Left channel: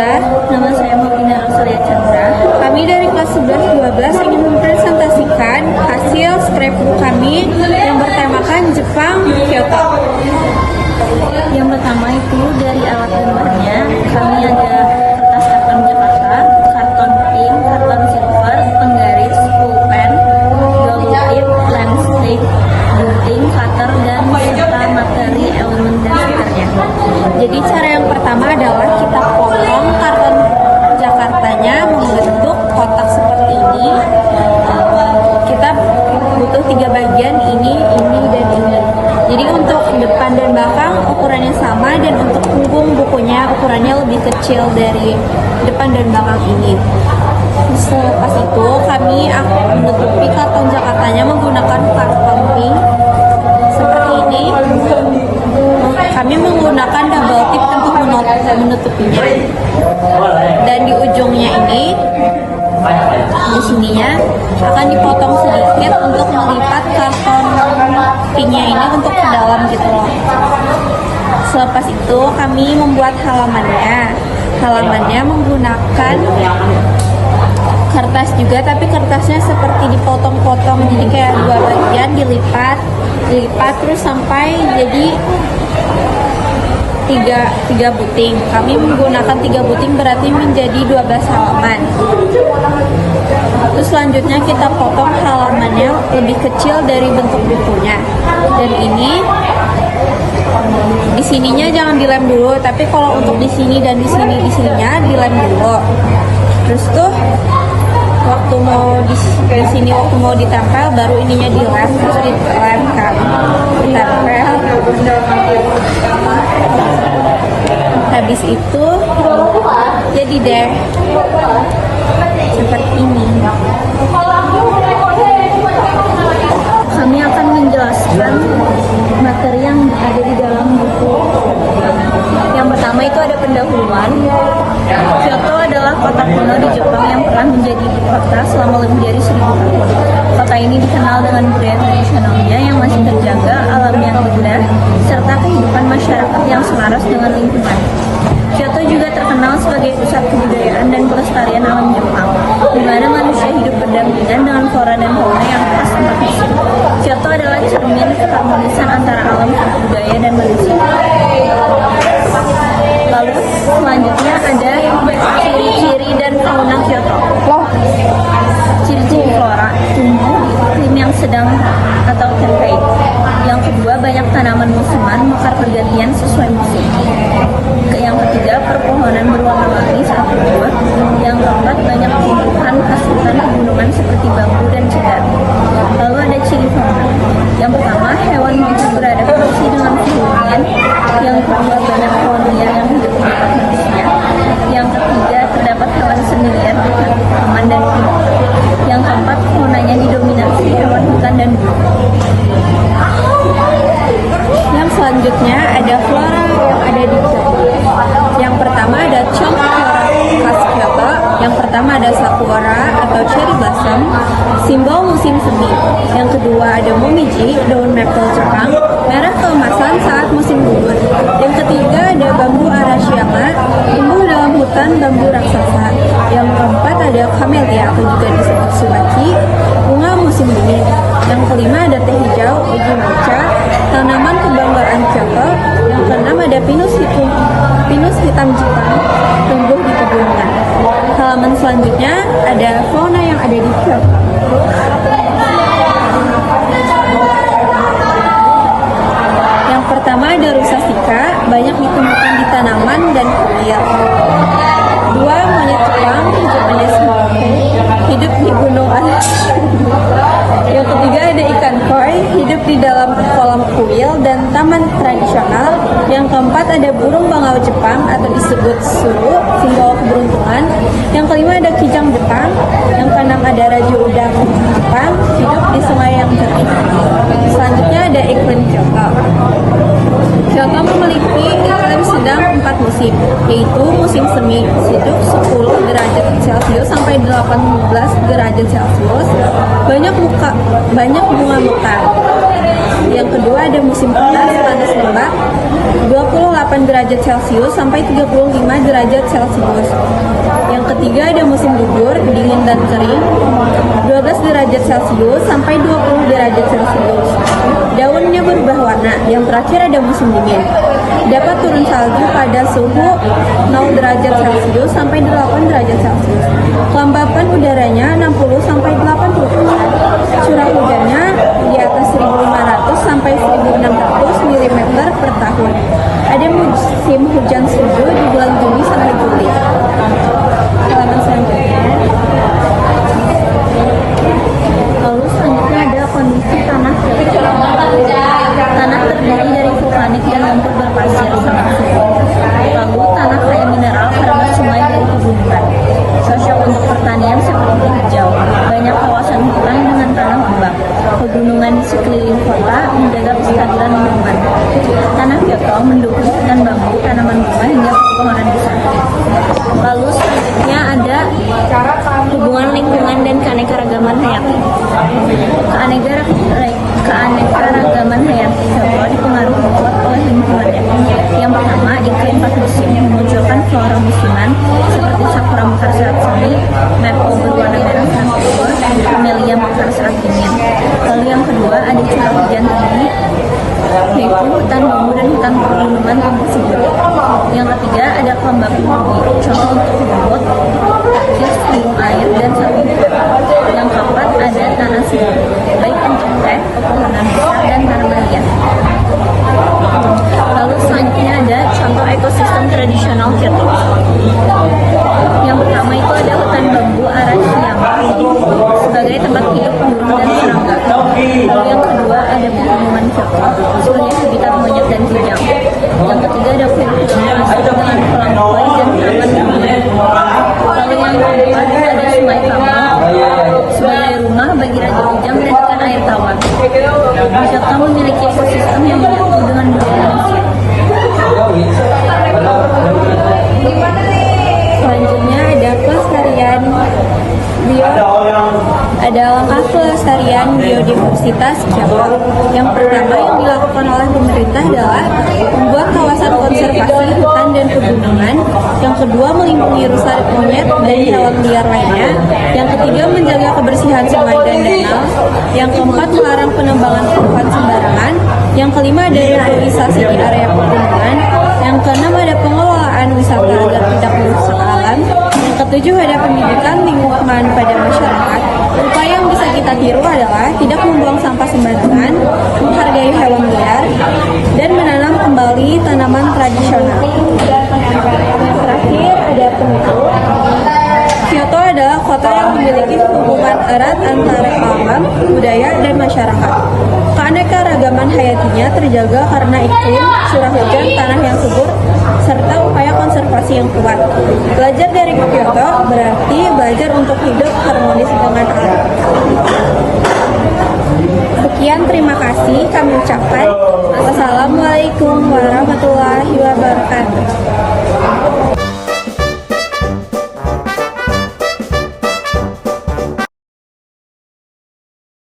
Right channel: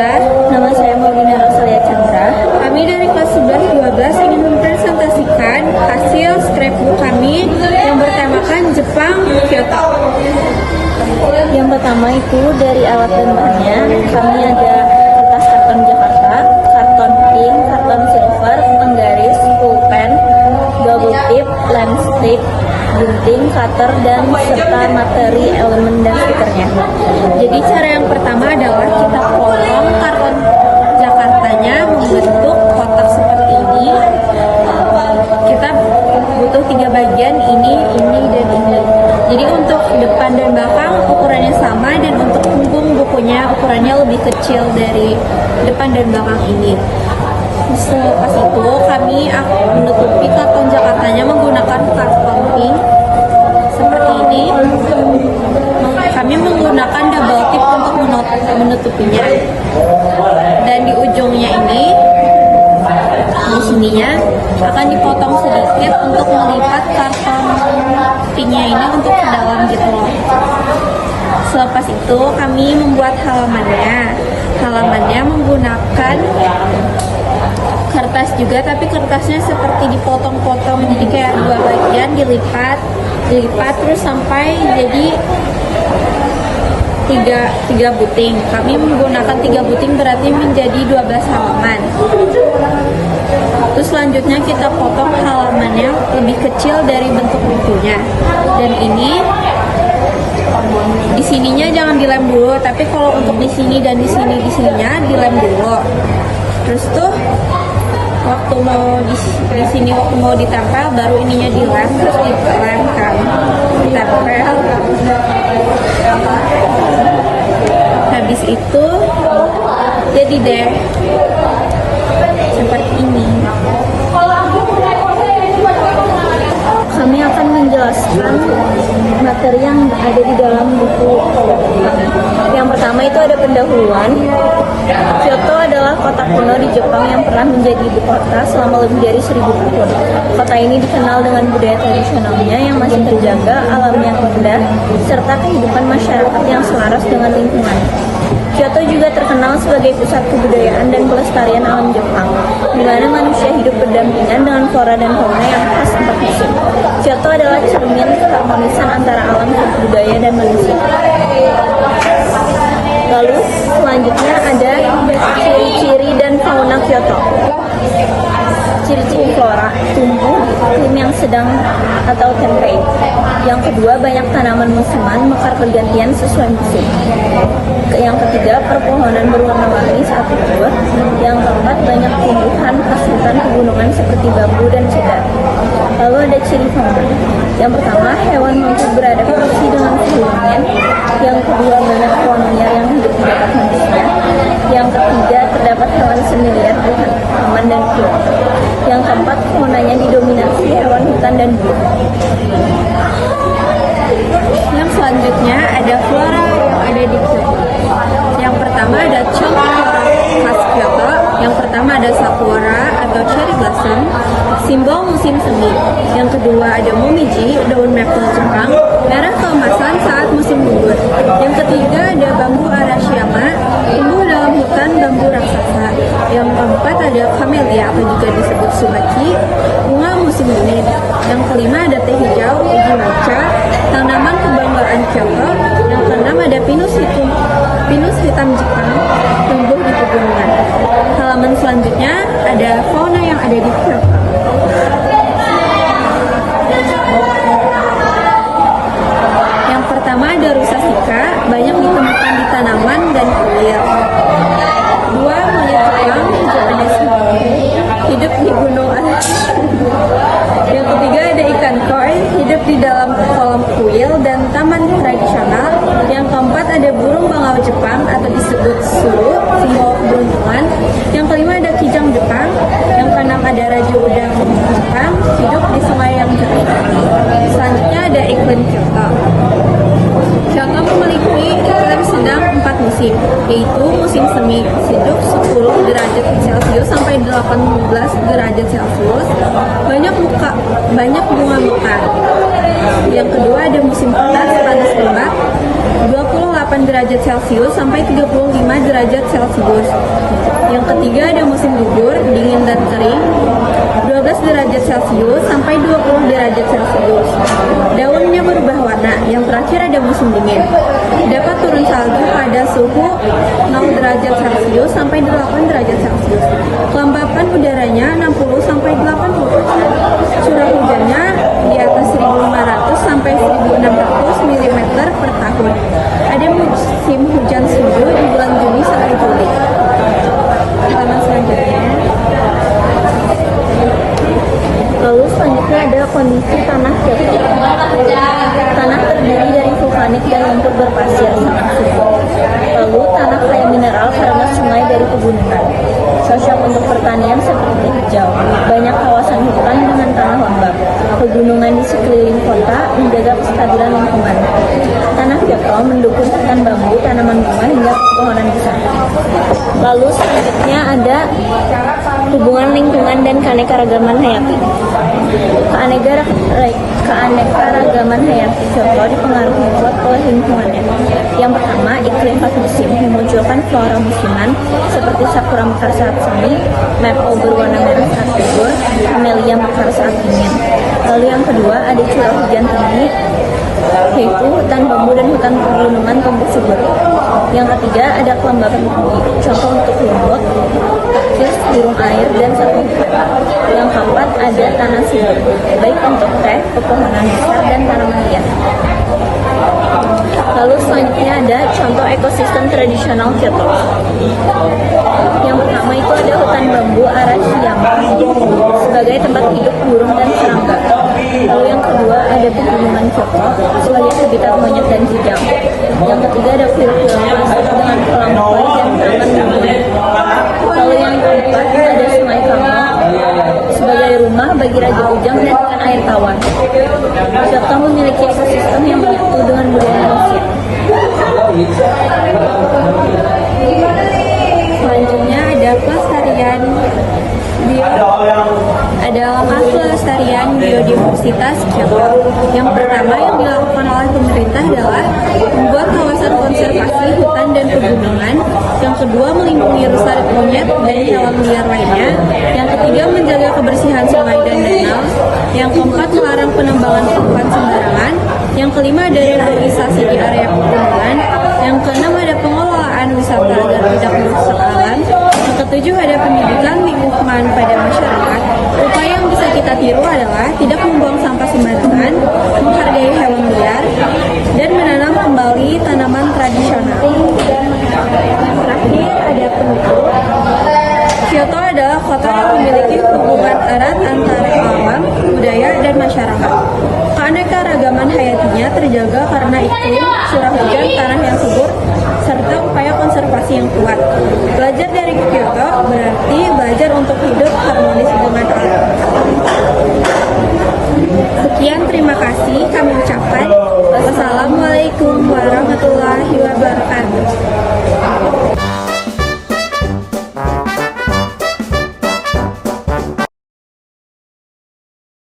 Alhamdulillah. Nama saya Maulina Rasulia Chandra. Kami dari kelas 11-12 ingin mempresentasikan hasil scrapbook kami yang bertemakan Jepang, Kyoto. Yang pertama itu dari alat dan bahannya, kami ada kertas karton Jakarta, karton pink, karton silver, penggaris, pulpen, double tip, landscape, gunting, cutter, dan serta materi elemen dan stikernya. Jadi cara yang pertama adalah kita potong karton Jakartanya membentuk kotak seperti ini. Kita butuh 3 bagian, ini, dan ini. Jadi untuk depan dan belakang ukurannya sama, dan untuk punggung bukunya ukurannya lebih kecil dari depan dan belakang ini. Selepas itu kami menutupi karton Jakartanya menggunakan karton pink seperti ini. Kami menggunakan double tip untuk menutupinya. Dan di ujungnya ini, di sininya akan dipotong sedikit untuk melipat karton pinknya ini untuk ke dalam gitu loh. Selepas itu kami membuat halamannya. Halamannya menggunakan kertas juga, tapi kertasnya seperti dipotong-potong, jadi kayak 2 bagian dilipat terus sampai jadi 3 buting. Kami menggunakan 3 buting, berarti menjadi 12 halaman. Terus selanjutnya kita potong halamannya lebih kecil dari bentuk bukunya. Dan ini di sininya jangan dilem dulu, tapi kalau untuk di sini dan di sininya dilem dulu. Terus tuh waktu mau di sini waktu mau ditempel baru ininya dilem, terus ditempel. Habis itu jadi deh seperti ini. Kami akan menjelaskan materi yang ada di dalam buku. Yang pertama itu ada pendahuluan. Kyoto adalah kota kuno di Jepang yang pernah menjadi ibu kota selama lebih dari 1000 tahun. Kota ini dikenal dengan budaya tradisionalnya yang masih terjaga, alam yang indah, serta kehidupan masyarakat yang selaras dengan lingkungan. Kyoto juga terkenal sebagai pusat kebudayaan dan pelestarian alam Jepang, di mana manusia hidup berdampingan dengan flora dan fauna yang khas 4 musim. Kyoto adalah cermin keharmonisan antara alam, budaya, dan manusia. Lalu selanjutnya ada ciri-ciri dan fauna Kyoto. Ciri-ciri flora, tumbuh iklim yang sedang atau tempei. Yang kedua, banyak tanaman musiman, mekar pergantian sesuai musim. Yang ketiga, perpohonan berwarna-warni saat gugur. Yang keempat, banyak tumbuhan khas hutan pegunungan seperti bambu dan cedar. Lalu ada ciri fauna. Yang pertama, hewan mampu beradaptasi dengan suhu dingin. Yang kedua, banyak pohon liar yang hidup di dekat manusia. Yang ketiga, terdapat hewan semi-liar aman dan kuat. Yang keempat, faunanya didominasi hewan hutan dan burung. Yang selanjutnya ada flora yang ada di Kyoto. Yang pertama ada contoh flora khas Kyoto. Yang pertama ada sakura atau cherry blossom, simbol musim semi. Yang kedua ada momiji, daun maple Jepang, merah keemasan saat musim gugur. Yang ketiga ada bambu Arashiyama, tumbuh dalam hutan bambu raksasa. Yang keempat ada camellia atau juga disebut tsubaki, bunga musim dingin. Yang kelima ada teh hijau, uji matcha, tanaman kebanggaan Kyoto. Yang keenam ada pinus hitam Jepang, tumbuh di pegunungan. Halaman selanjutnya ada fauna yang ada di Kyoto. Yang pertama ada rusa shika, banyak ditemukan di tanaman dan kuil. 2, monyet Jepang, Japanese monkey, hidup di gunung Arashi. Yang ketiga ada ikan koi, hidup di dalam kolam kuil dan taman tradisional. Yang keempat ada burung bangau Jepang atau disebut suru, simbol keberuntungan. Yang kelima ada kijang Jepang. Yang keenam ada raju udang Jepang, hidup di sungai yang jernih. Selanjutnya ada iklim Kyoto. Kyoto memiliki iklim sedang 4 musim, yaitu musim semi, sejuk 10 derajat Celcius sampai 18 derajat Celcius. Banyak bunga mekar. Yang kedua ada musim panas lembab 28 derajat Celcius sampai 35 derajat Celcius. Yang ketiga ada musim gugur, dingin dan kering, 12 derajat Celcius sampai 20 derajat Celcius. Daunnya berubah warna. Yang terakhir ada musim dingin. Dapat turun salju pada suhu 0 derajat Celcius sampai 8 derajat Celcius. Kelembapan udaranya 60 sampai 80%. Curah hujannya di atas 1.500 sampai 1.600 mm per tahun. Ada musim hujan sejuk di bulan Juni sampai Juli. Halaman selanjutnya. Lalu selanjutnya ada kondisi tanah Kyoto. Tanah terdiri dari vulkanik dan lumpur berpasir sangat subur. Lalu tanah kaya mineral karena sungai dari pegunungan. Cocok untuk pertanian seperti hijau. Banyak kawasan hutan dengan tanah lembab. Pegunungan di sekeliling kota menjaga kestabilan lingkungan. Tanah Kyoto mendukung hutan bambu, tanaman bunga hingga pepohonan besar. Lalu selanjutnya ada hubungan lingkungan dan keanekaragaman hayati. Keanekaragaman hayati Kyoto dipengaruhi kuat oleh lingkungan. Yang pertama, iklim 4 musim memunculkan flora musiman seperti sakura mekar saat semi, maple berwarna merah saat gugur, camellia mekar saat dingin. Lalu yang kedua, ada curah hujan tinggi, yaitu hutan bambu dan hutan pegunungan tumbuh subur. Yang ketiga, ada kelembapan tinggi, contoh untuk lumut, tekis, burung air, dan sapi. Yang keempat, ada tanah subur, baik untuk teh, pepohonan besar, dan tanaman hias. Lalu selanjutnya ada contoh ekosistem tradisional Kyoto. Yang pertama itu ada hutan bambu Arashiyama sebagai tempat hidup burung dan serangga. Lalu yang kedua ada pegunungan Kyoto sebagai habitat monyet dan kijang. Yang ketiga ada pil-pil plastik dengan kolam koi dan taman lingkungan. Lalu yang keempat ada sungai Kamo sebagai rumah bagi raja ujang dan ikan air tawar. Kyoto memiliki ekosistem yang menyatu dengan budaya manusia. Selanjutnya ada pelestarian langkah pelestarian biodiversitas Kyoto. Yang pertama yang dilakukan oleh pemerintah adalah membuat kawasan konservasi hutan dan pegunungan. Yang kedua melindungi rusa monyet dan hewan liar lainnya. Yang ketiga menjaga kebersihan sungai dan danau. Yang keempat melarang penambangan pohon sembarangan. Yang kelima ada reboisasi di area pegunungan. Yang keenam ada pengelolaan wisata agar tidak merusak alam. Yang ketujuh ada pendidikan lingkungan pada masyarakat. Upaya yang bisa kita tiru adalah tidak membuang sampah sembarangan, menghargai hewan liar, dan menanam kembali tanaman tradisional. Yang terakhir ada penutup. Kyoto adalah kota yang memiliki hubungan erat antara alam, budaya, dan masyarakat. Keanekaragaman hayatinya terjaga karena iklim, curah hujan, tanah yang subur, serta upaya konservasi yang kuat. Belajar dari Kyoto berarti belajar untuk hidup harmonis dengan alam. Sekian, terima kasih kami ucapkan. Wassalamualaikum warahmatullahi wabarakatuh.